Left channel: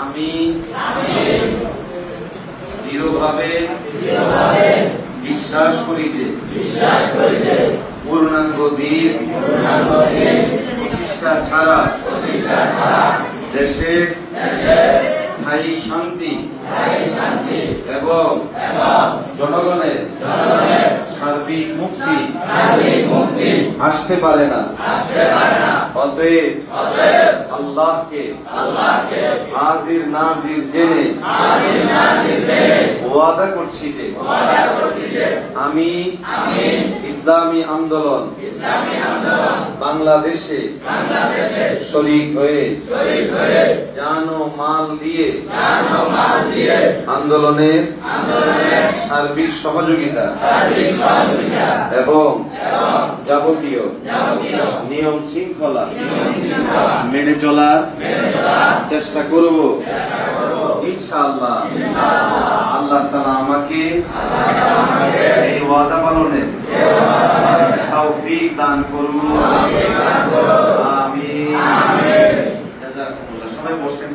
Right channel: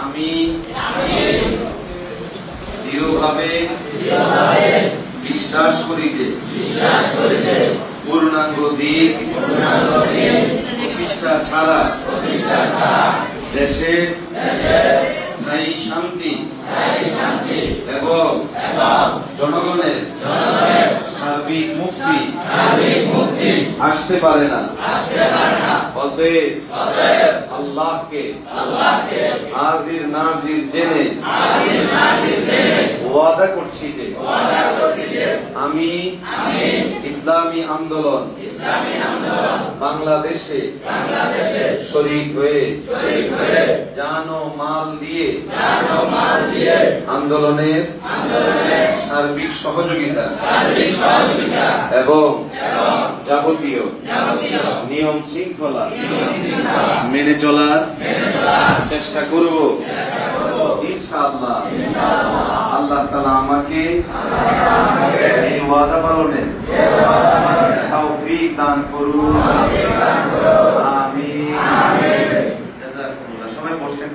আমি দৃঢ়ভাবে বিশ্বাস করি যে পূর্ণাঙ্গ দিন প্রতিষ্ঠা ছাড়া দেশে স্থায়ী শান্তি এবং জনগণের সার্বিক মুক্তি আসতে পারে না। অতএব আল্লাহকে হাজির নাজির জেনে ওয়াদা করছি যে আমি ইসলামী আন্দোলন বাংলাদেশে শরীক হয়ে জান ও মাল দিয়ে আন্দোলনের সার্বিক সহযোগিতা এবং যাবতীয় নিয়ম শৃঙ্খলা মেনে চলার চেষ্টা করব ইনশাআল্লাহ। আল্লাহ তাআলা আমাকে এই ওয়াদা পালনের তৌফিক দান করুন। আমিন। সবাই বসেন।